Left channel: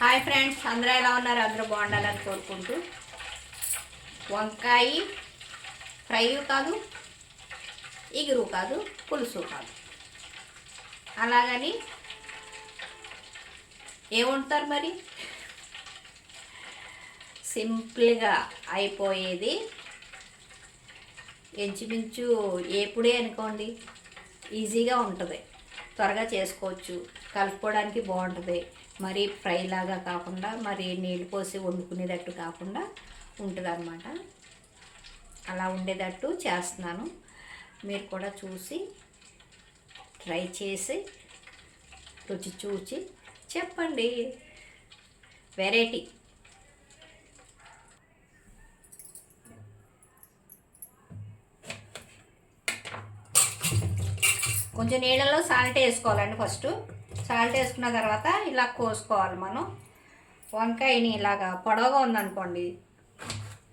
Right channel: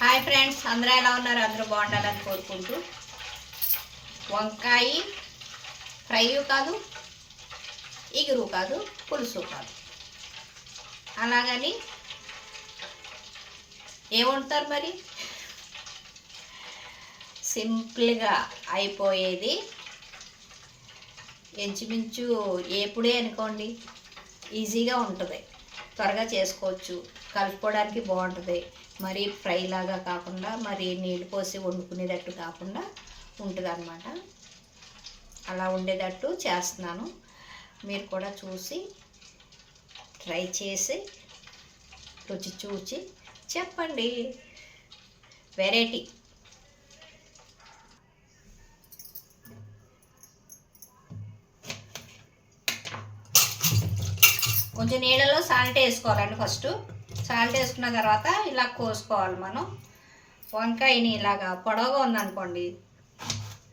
Hi friends అందరూ ఎలా ఉన్నారు? అందరూ బాగుండాలని కోరుకుంటూ. వంకాయ ఫ్రై కాదు ఇగురు కాదు పులుసు కాదు. అలాగని ఏముంటారు మరి? సింపుల్గా అయిపోయేది ఎంచుమించు ఏపుడే అనుకోండి. ఈజీగా ఉంటుంది. త్వరగా చేసుకోవచ్చు. కలుపుకోవడానికి బాగుంటుంది. మరి ఫ్రై లాగా కాకుండా మరి నీళ్ళు పోసి వండుకునేటట్టు కాకుండా ఉంటుందన్నమాట. అలా ఉండేటట్టు చేస్తున్నాను. మీరు కూడా చూసి ట్రై చేసి రుచి చూచి చెప్పండి. వెరైటీ. కొంచెం నీళ్ళలో సాల్ట్ వేసుకోవాలండి ఫస్ట్. సాల్ట్ వేసుకున్న తర్వాత ఇలా కోసుకోవాలి మనం. వంకాయని ఇలాగా పొడవుగా ఉందనుకోండి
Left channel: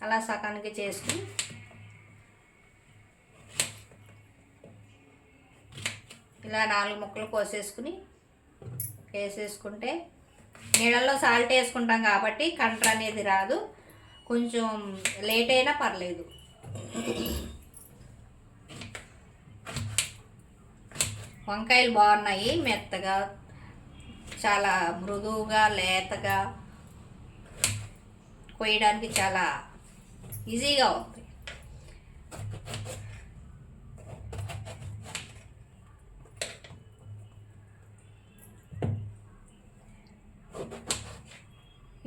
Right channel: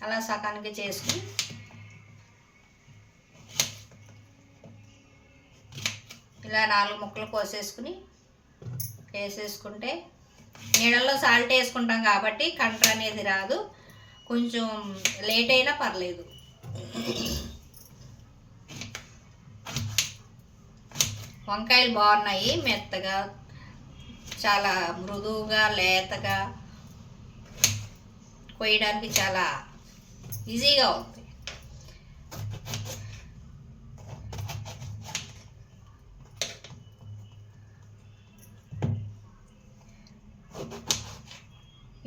అలా సకానికి చేసుకుని ఇలా నాలుగు ముక్కలు కోసేసుకుని వేసేసుకుంటే నీళ్ళల్లో సాల్ట్ వేసుకుంటాం కాబట్టి కంట్ర అనేది రాదు. కొంచెం లేట్ అయినా పర్లేదు. వంకాయలు బాగున్నాయి మెత్తగా చాలా మృదువుగా లేతగా కొయ్యడానికి చాలా ఈజీగా ఉంది.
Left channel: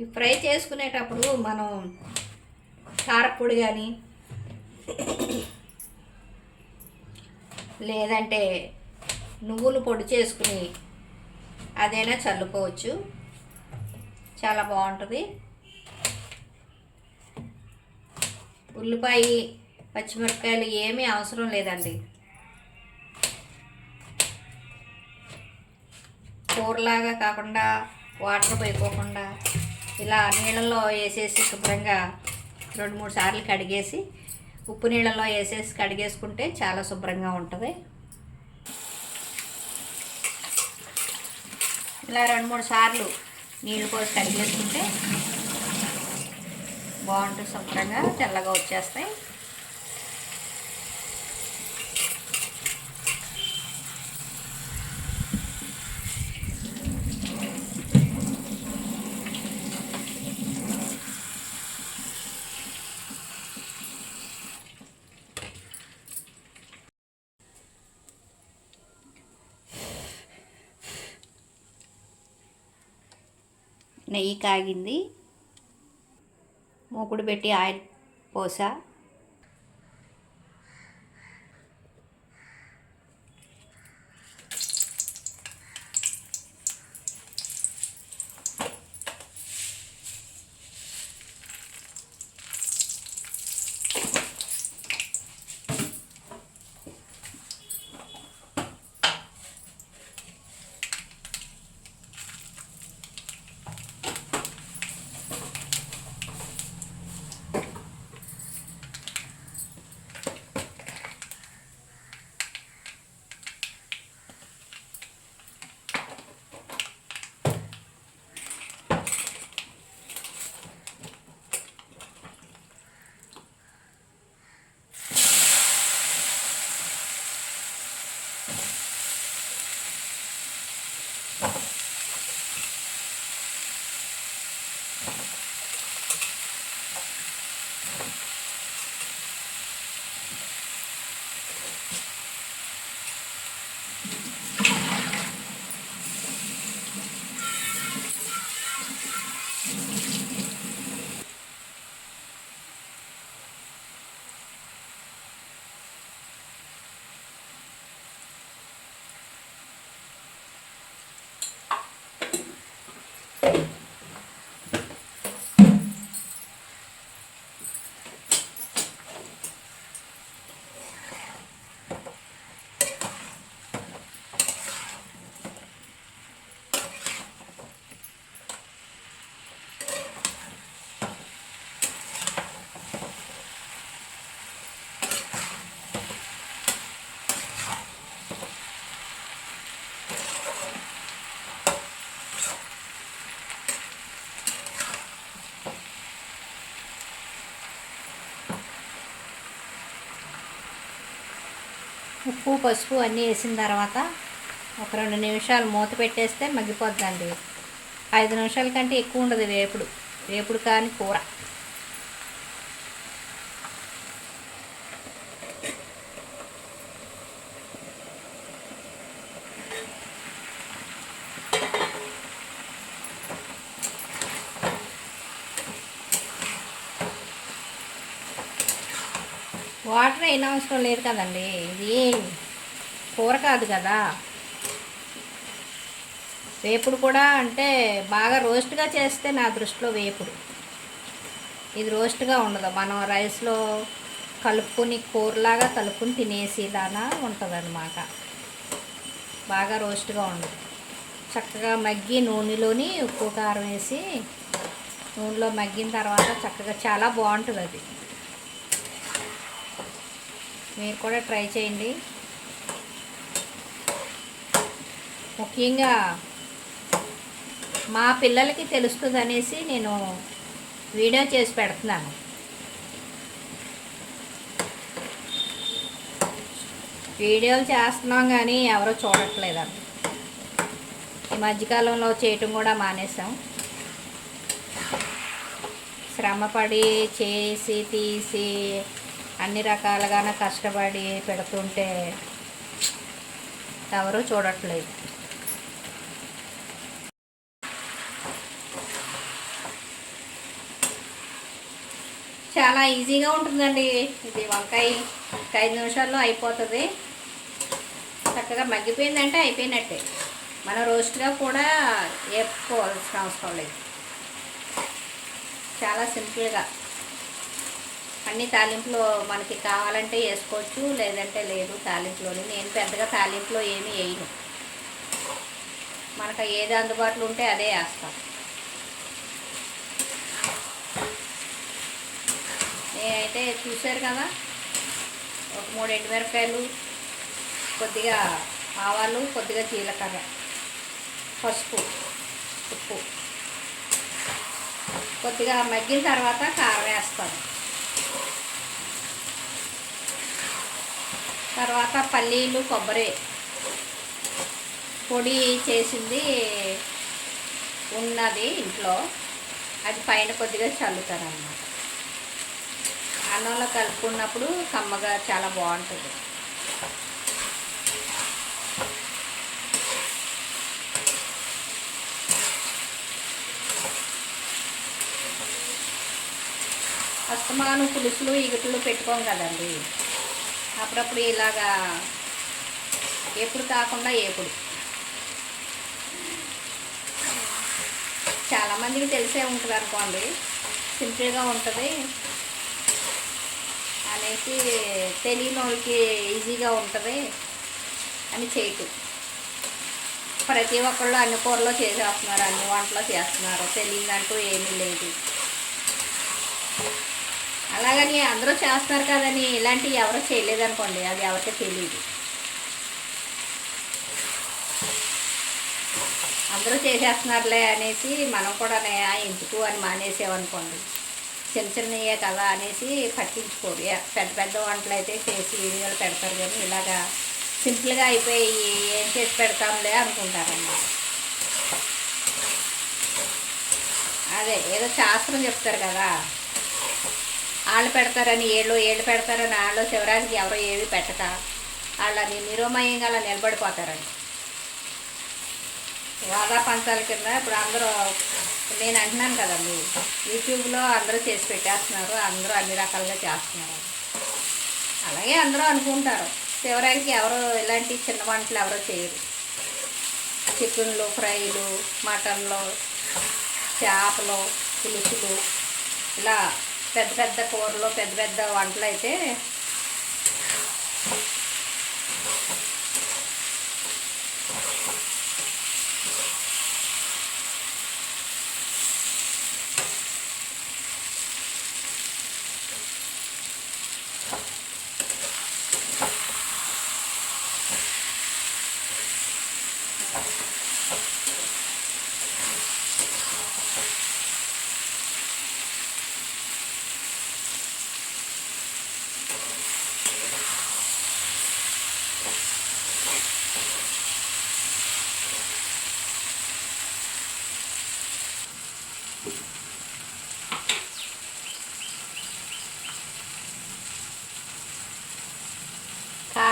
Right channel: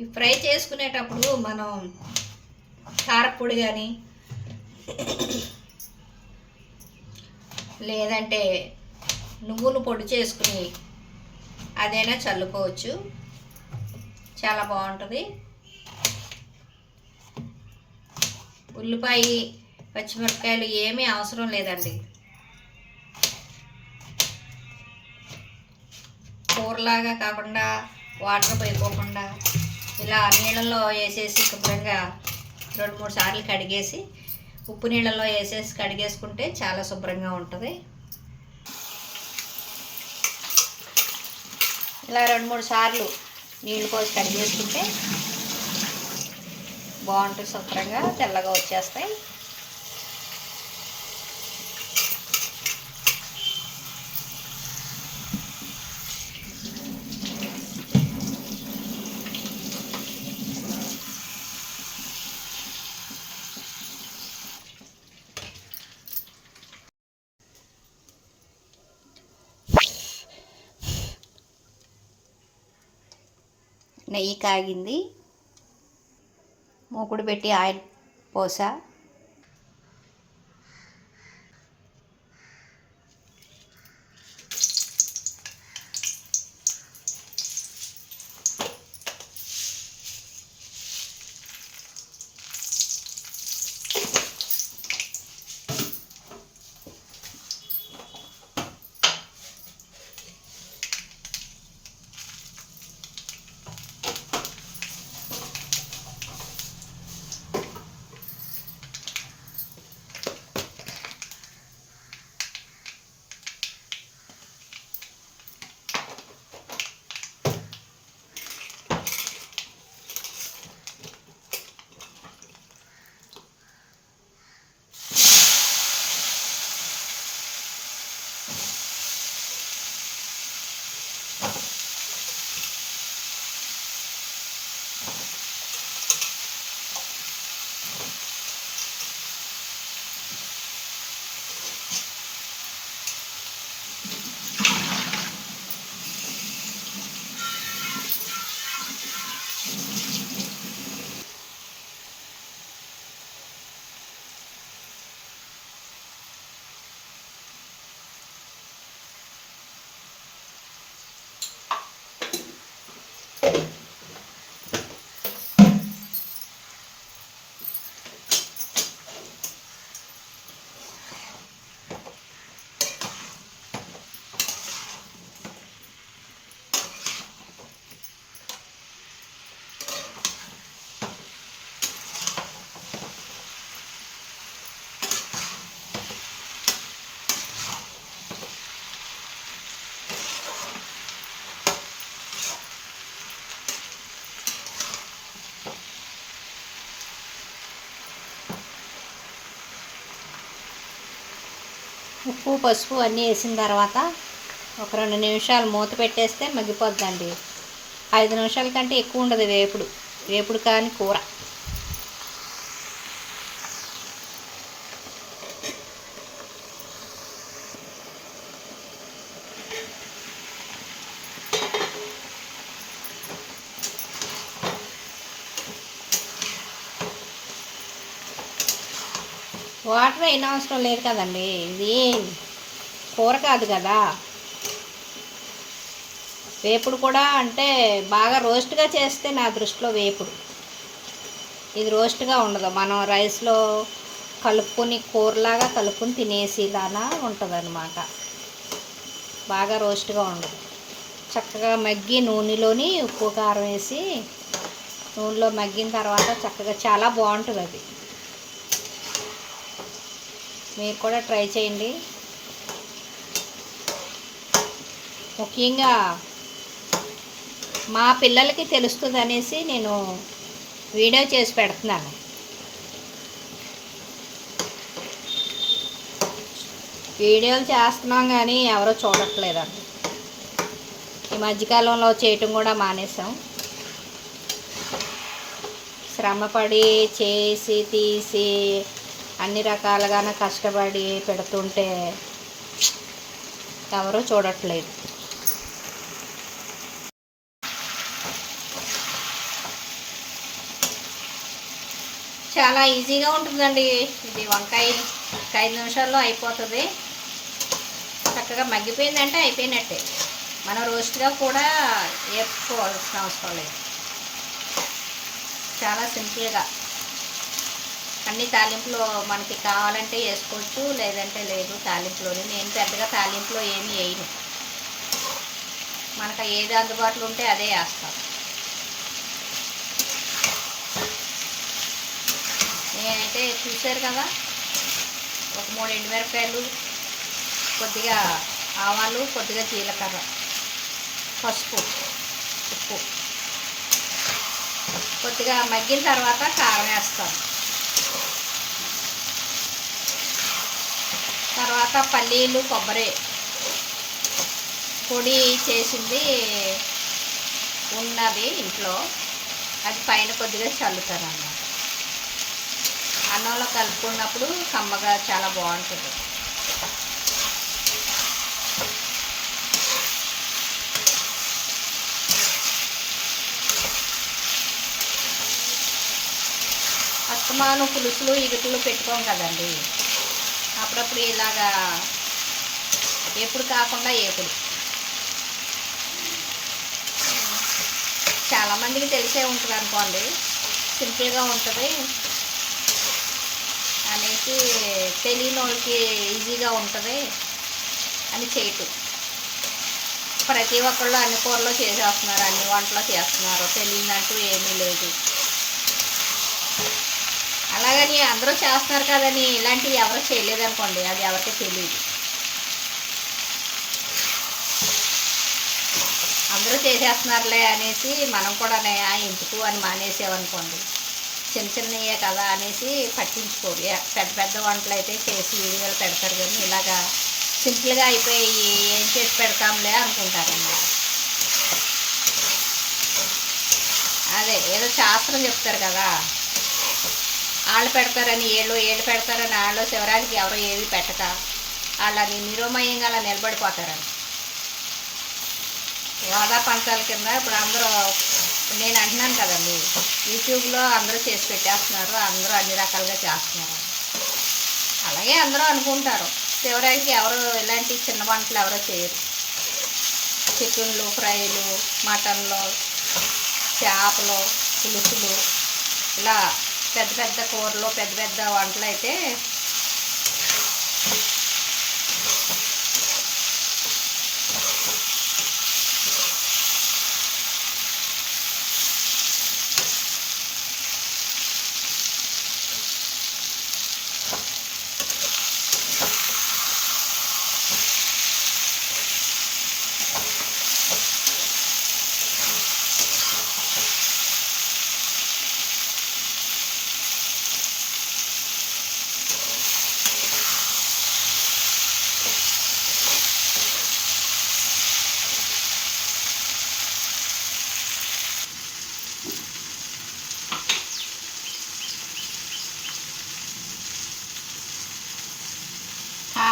ఈ ఫ్రై చేసుకునేటప్పుడు మనం కారపొడి కానీ లేదంటే నువ్వులు పొడి చేసుకుని అదైనా చల్లుకోవచ్చు. చాలా బాగుంటుంది. ఉల్లిపాయ పచ్చిమిరపకాయలు ఏమీ అవసరం లేదండి. కూరలాగా కాకుండా వాటర్ పోయిపోకుండా ఇలా నీళ్ళల్లో వేసేసి శుభ్రంగా రెండు మూడు సార్లు కడిగేసి ఉప్పు నీళ్ళల్లో వేసేసి కడిగేసుకుంటే చాలా శుభ్రంగా ఉంటుంది. ఇలా రెండు మూడు సార్లు నీళ్ళు పోసి కడిగేసుకుంటే బాగుంటుంది శుభ్రంగా తెల్లగా వచ్చేస్తాయి. నెయ్యి కాగింది. మూకుడు పెట్టి ఆయిల్ పోసా. ఉప్పు పసుపు అన్నీ వేసిన తర్వాత ఒక రెండు నిమిషాలు మూత పెట్టేస్తే మగ్గిపోద్దండి. ఐదు నిమిషాల కంటే ఎక్కువ ఉండదు వేపుడు. వేపుడు కానీ కూర. వాటర్ అయిన అవసరం లేదు కదండి. ఇది కూర కాదు కదా. వేపుడు కూడా అంటే బాగా రోస్ట్గా చేస్తే నా దృష్టిలో వేపుడు. ఇది రోస్ట్గా ఉండదు. మనం రైస్లో కలుపుకొని కూరలాగా కలుపుకొని తినేసేలాగా ఉంటుంది అనమాట బాగా రోస్ట్గా ఉండదు. చక్కగా మగ్గి నూనెలోని ఉప్పు కారం వేసి నూనెలో మగ్గిన తర్వాత చక్కగా చాలా బాగుంటుంది అది మీరు కూడా ట్రై చేయండి. ముఖ్యంగా మా పిల్లలకి తెలుస్తుంది అనేసి నేను వీడియో చేసి పెడుతున్నాను. వీడియోలు చేస్తున్నాం కానీ ఎవరో చూడట్లేదండి. ఈ మధ్యకాలంలో చేయటం కూడా మానేసాం శ్రమపడి చేసి తీసి అన్ని రకాలుగానే కష్టపడి పెడుతుంటే ఎవరూ చూడట్లేదు. చాలా ఈజీగా ఉంటుందండి ఇది వంకాయ ఒక ఐదు నిమిషాల్లో అయిపోతుంది. చక్కగా మగ్గిపోయిందంటే అయిపోయినట్టే. మనం రోస్ట్గా కూడా వేపుకోవాల్సిన అవసరం లేదు. చాలా సింపుల్గా. అన్ని తాలింపులో మనకి కావాలంటే వేసుకోవచ్చు లేదంటే లేదు తాలింపులోని. నేను పెద్దగా తాలింపులో ఏమీ వేయను. మనకు ఏది అందుబాటులో ఉంటే అదే వేస్తాను. నేనైతే చూశారు కదా ఒక మూడు ఎండుమిరపకాయలు కొద్దిగా ఆవాలు కొద్దిగా జీలకర్ర పసుపు ఉప్పు. కొద్దిగా మగ్గిన తర్వాత కారం వేస్తాను. తర్వాత పల్లీలు కొబ్బరి పొడి చేసింది ఉన్నది ఇంట్లో. అది పైన కొద్దిగా చల్లుతారనమాట అన్నంలో కలుపుకున్నప్పుడు కమ్మగా చాలా బాగుంటుంది. అస్తమాను పులుసులు ఇగుట్లు పెట్టుకోం కదండి. అప్పుడప్పుడు ఇలాగా ఎప్పుడు కాకుండా ఎప్పుడు చాలామందికి తెలిసే ఉంటుంది అనుకోండి సింపుల్గా ఉంటుంది అనేసి తెలియని వాళ్ళకి ఈజీగా ఉంటుంది అని చేయటం ప్రతి ఒక్కళ్ళు అన్ని కూరలో చేసేస్తున్నారు అన్ని వంటలో చేస్తున్నారు తెలియదంటూ ఏమీ లేదు. అలాగని అందరూ చేస్తున్నారు కదని ఇలాంటివి ఎవరు చేయలేదనుకోండి అది ఎవరికి తెలియదు. అందరూ చేసేస్తున్నారులే అనేసి మనం కూడా ఎందుకు? అని మానేసామనుకోండి చిన్న చిన్నయే కదా అనేసి పట్టించుకోరు. పెద్ద పెద్ద వంటలు అయితే చేసి వీడియోలు పెడతారు కానీ ఇలాగా సింపుల్గా అయిపోయి ఏం చేసి పెడతాంలే అనుకుంటారన్నమాట అదే ఏదో శాస్త్రం చెప్తారు కదా. వాళ్ళు పెడతారని ఏళ్ళు ఏళ్ళు పెడతారని వాళ్ళు శివరాజుకి ఎవరో ఏవి పెట్టక వాళ్ళని నిరోమయంగా అలా నిలబడిపోతారని. వాదా పంచాల కింద ఇప్పుడు అందరూ నేను అంటున్నాను కదండి యూట్యూబ్లో అందరూ చేసి పెట్టేస్తున్నారు అందరూ అన్ని రకాలుగా చేస్తున్నారు. అలాగే అందరూ అనుకుంటారు శివరాజుకి ఎవరు ఇలాంటి చిన్న వంటలు ఎవరో చేయరు. చికెన్లు ఫ్రైలు మటన్లు చేపలు పులుసులు ఇలా పెద్ద పెద్ద కూరలు పెద్ద పెద్ద వంటలు అయితే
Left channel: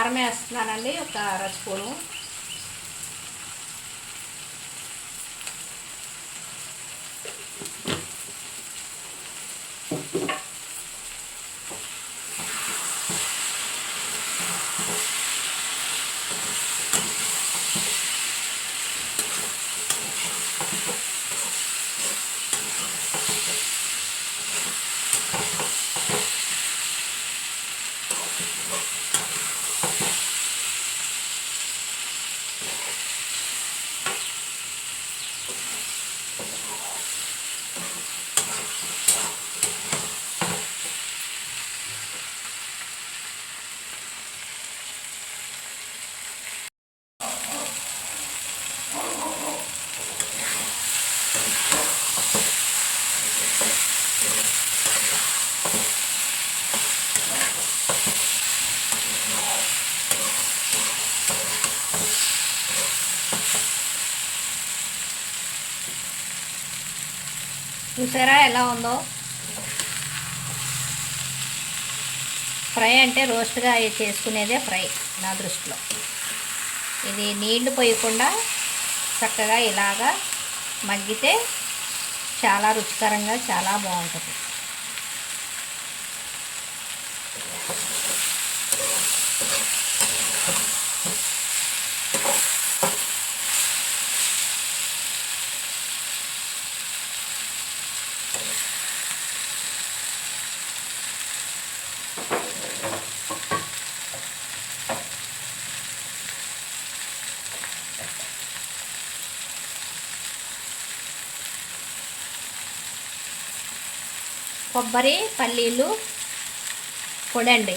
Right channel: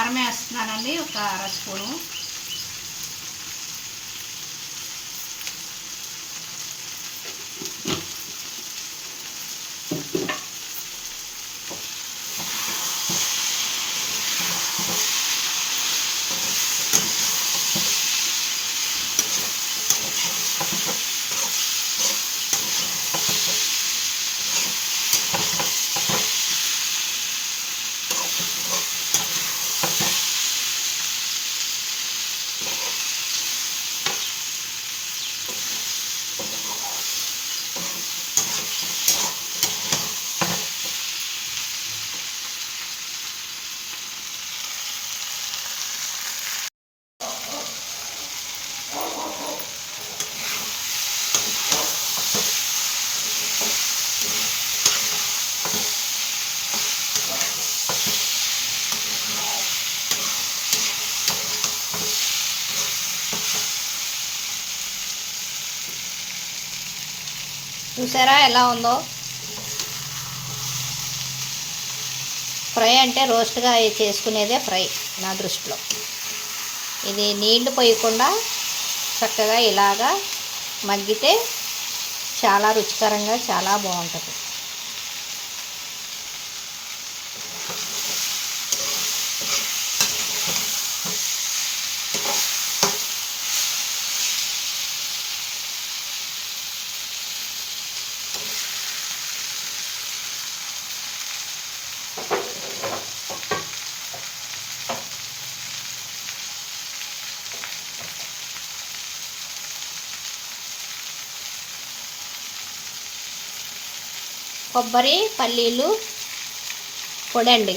కారం వేస్తున్నానండి ఒక అర స్పూను. చూసారా ఎలా ఉందో? ఫ్రై అంటే రోస్ట్గా చేసుకునేదే ఫ్రై నా దృష్టిలో. ఇది నీళ్ళు పోయకుండా చక్కగా ఇలాగా మగ్గితే చాలా రుచికరంగా చాలా బాగుంటుంది. కొబ్బరి పల్లీలు పొడండి.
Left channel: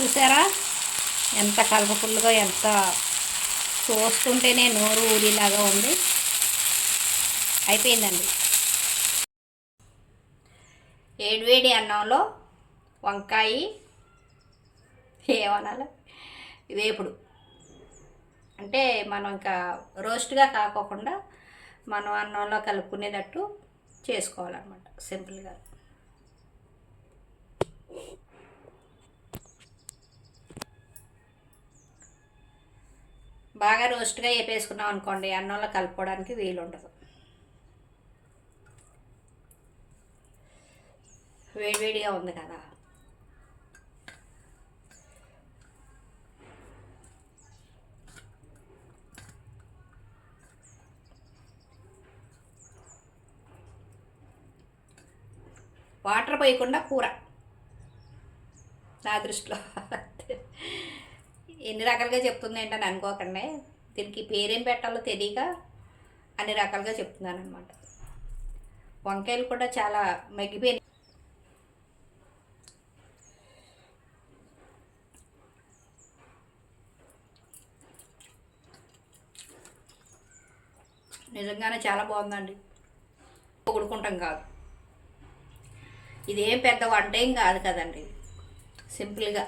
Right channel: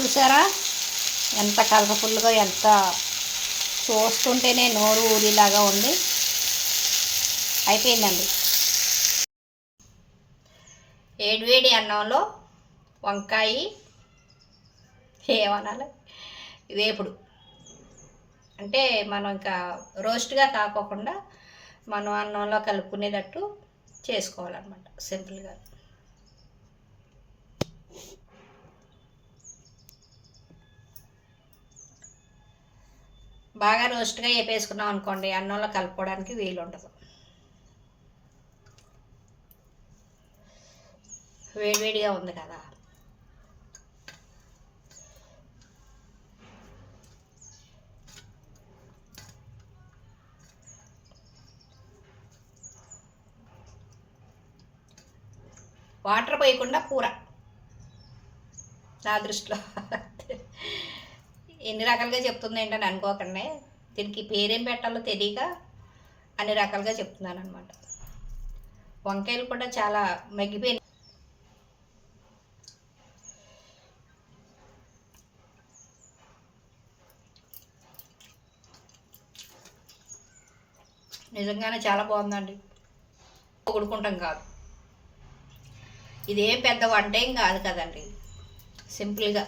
చూసారా? ఎంత కలర్ఫుల్గా ఎంత చూస్తుంటేనే నోరు ఊరిలాగా ఉంది. అయిపోయిందండి. ఏడివేడి అన్నంలో వంకాయ ఏమనాలి? వేపుడు. అంటే మనం ఇంకా రోస్ట్గా కాకోకుండా మనం అన్నంలో కలుపుకునేటట్టు చేసుకోవాలన్నమాట. సింపుల్గా. బాగా రోస్ట్గా వేపేసుకున్నాం అనుకోండి అన్నంలో కలుపుకోవడానికి వీలు ఉండదు వేడివేడిగా ఉంది కదా. వాటర్ పోయకుండా కూర. నా దృష్టిలో. ఎన్ని రకాలుగా చెప్తుంది ఏంటని అనుకోకండి. దీనికి పేరేం పెట్టాలో తెలియక అన్ని రకాలుగా చెప్తున్నాను అనమాట వంకాయలు కూడా చాలా మగ్గిపోయినాయి. నిజంగానే చాలా బాగుందండి. పొగుడుకుంటాం కాదు. ఇదేం పెద్ద వంట ఏం కాదు కదండి. సింపుల్గా.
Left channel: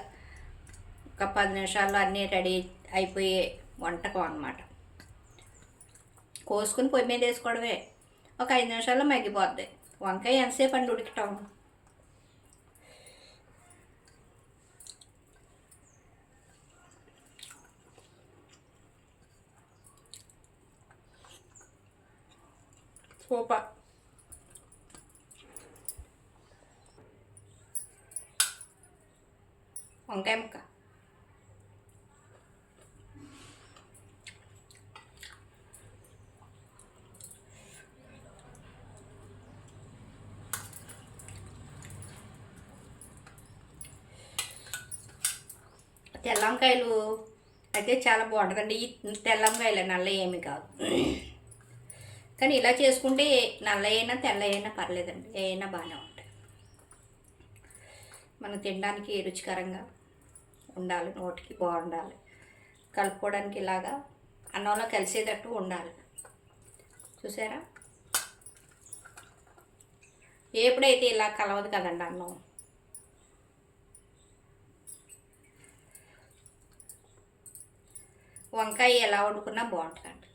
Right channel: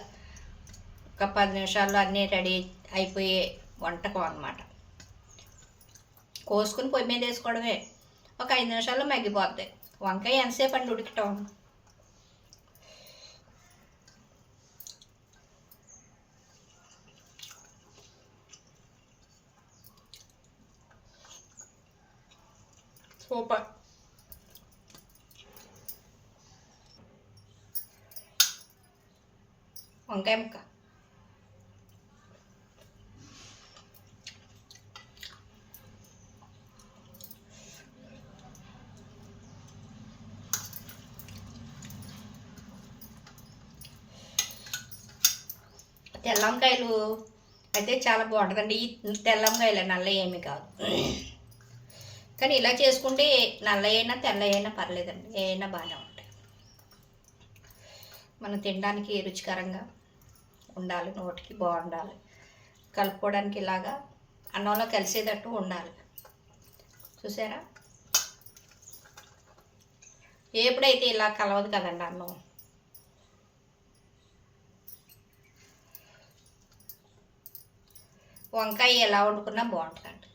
ఒక పది నిమిషాల్లో అన్నీ రెడీ అయిపోయే వంటకం అనమాట కోసుకుని పొయ్యి మీద వేసుకోవడమే. ఒక ఐదు నిమిషాల్లో మగ్గిపోద్ది. వంకాయ ఎంతసేపు అండి ఉడకటం? సూపర్. వంకాయ ముక్క. తెల్లంకాయలు అయితే చాలా బాగుంటుందండి. ఈ తెల్లంకాయలు నల్ల ఏమి కాదు. కానీ ఇలా చేసుకుంటే నల్ల అయినా తెల్ల అయినా పర్లేదండి. ఏ అయినా బాగానే ఉంటాయి. మనం తినడానికి రుచికరంగా ఉండాలి నోటికి బాగుండాలి. కలుపుకోవడానికి ఇలాగా అన్నంలో కలిసేటట్టు ఉండాలి. చూసారా? ఎప్పుడైతే ఇలా కలవదు కదండి అన్నం? వంకాయ ఎలా వండుకున్నా బాగుంటుందండి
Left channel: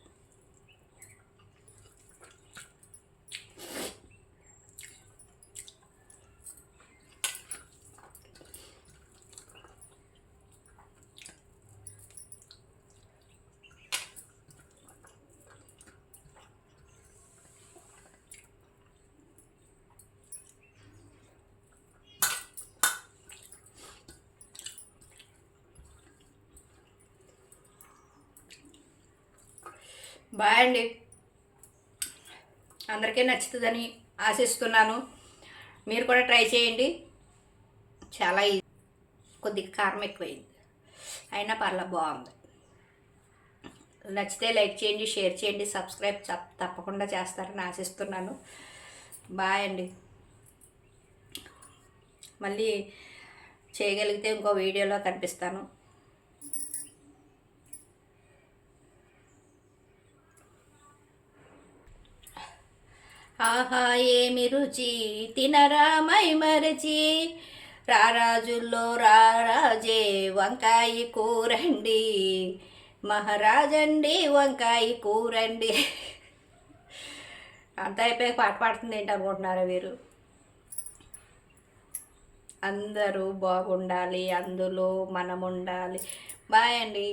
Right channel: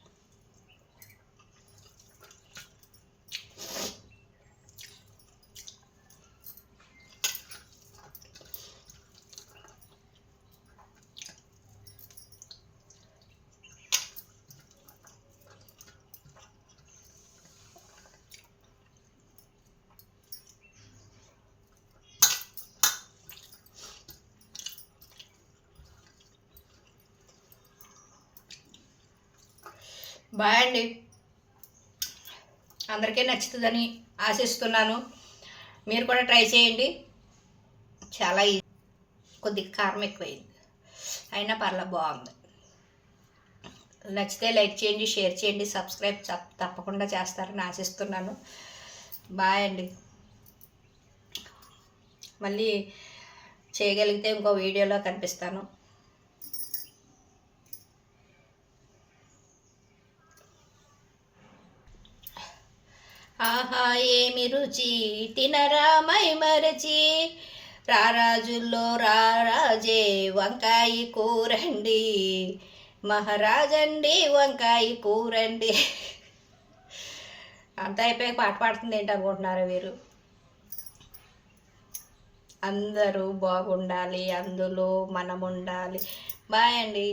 బాయ్ అండి. అందరికీ నచ్చుతుందని ఆశిస్తున్నాను. మీరు కూడా ట్రై చేయండి. చాలా ఈజీ కొద్దిగా కారం ఎక్కువైంది. అయినా పర్లా బాగుంది. నచ్చితే లైక్ చేయండి షేర్ చేయండి సబ్స్క్రైబ్ తప్పకుండా చేస్తారని ఆశిస్తున్నాను. బాయ్ అండి. మళ్ళీ చేయగలిగితే ఇంకో వీడియోలో కనిపిస్తాను. ఆహా ఏమి రుచి? తినరా మై మరచి. రారాజుల్లో రారాజే వంకాయ కూరండి. మహారాజండి వంకాయ కూరండి. అంత అయిపోయి పాట పాడుతుంది ఏంటి అనుకుంటున్నారు వీరు? అందరూ బాగుండాలి అందులో మనం ఉండాలి బాయ్ అండి.